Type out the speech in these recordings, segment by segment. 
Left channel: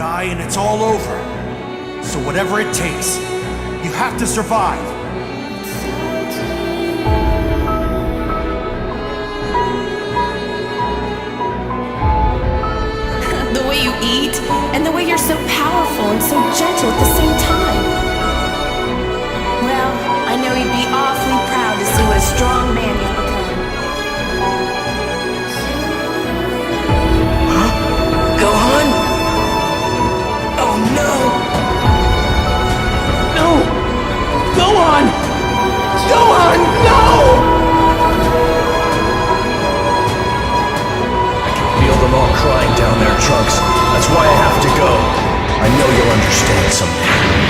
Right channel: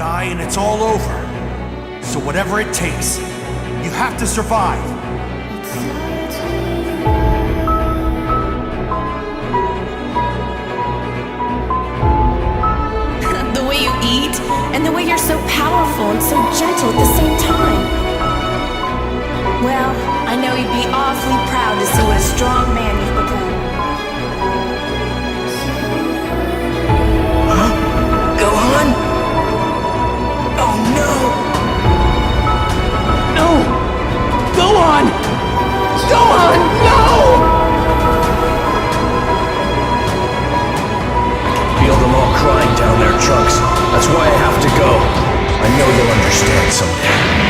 die and it's all over. So whatever it takes, you have to survive. The way you eat, and the way you're so powerful and so gentle at the same time. Well, I know you'd be awfully proud to see what a strong man you've become. Huh? Gohan? Oh no! No! Gohan! Gohan, no! Feel them all crying down there, Trunks. That's why I have to go. I know you'll understand someday.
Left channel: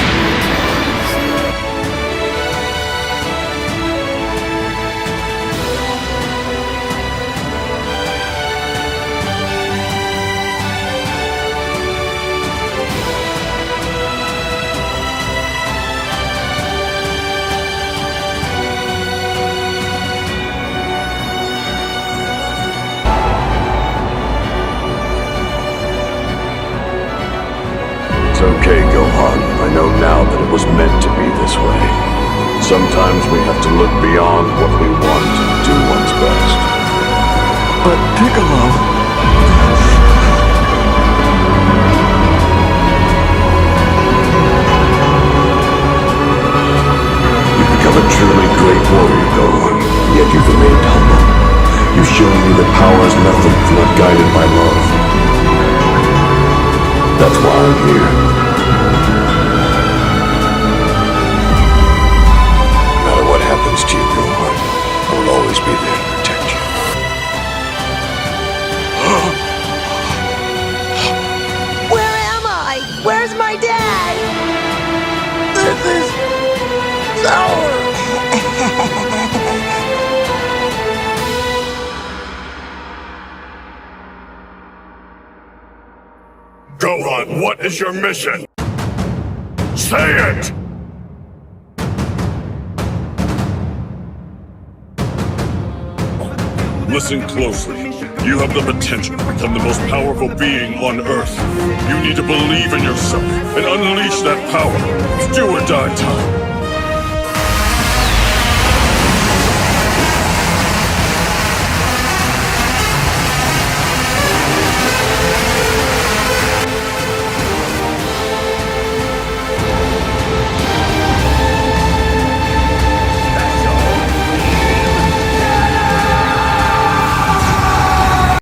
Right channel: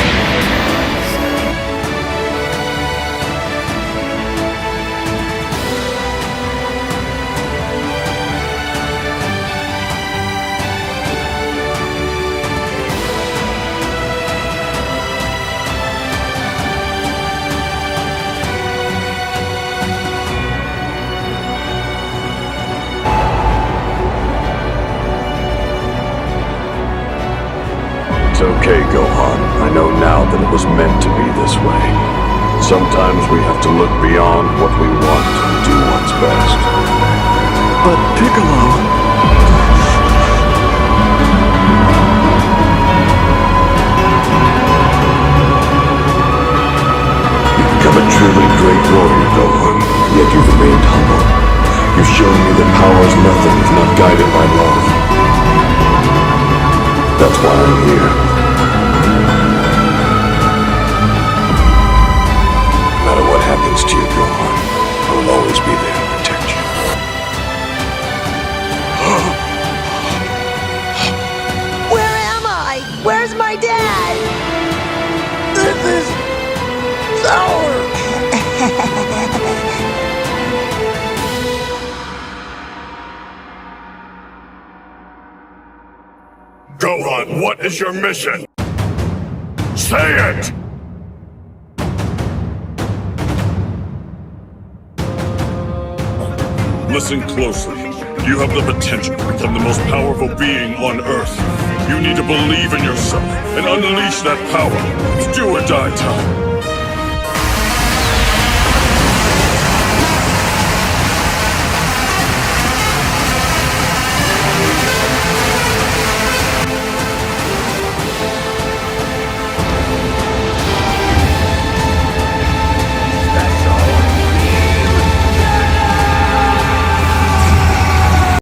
It's okay, Gohan. I know now that it was meant to be this way. Sometimes we have to look beyond what we want and do one's best. But Piccolo... You've become a truly great warrior, Gohan, yet you've remained humble. You've shown me that power is nothing if not guided by love. That's why I'm here. No matter what happens to you, Gohan, I will always be there to protect you. Where am I? Where's my dad? This is sour. Gohan, what is your mission? Say it! Listen closely. You have the potential to become the most powerful being on Earth. You need to believe in yourself and unleash that power. It's do or die time.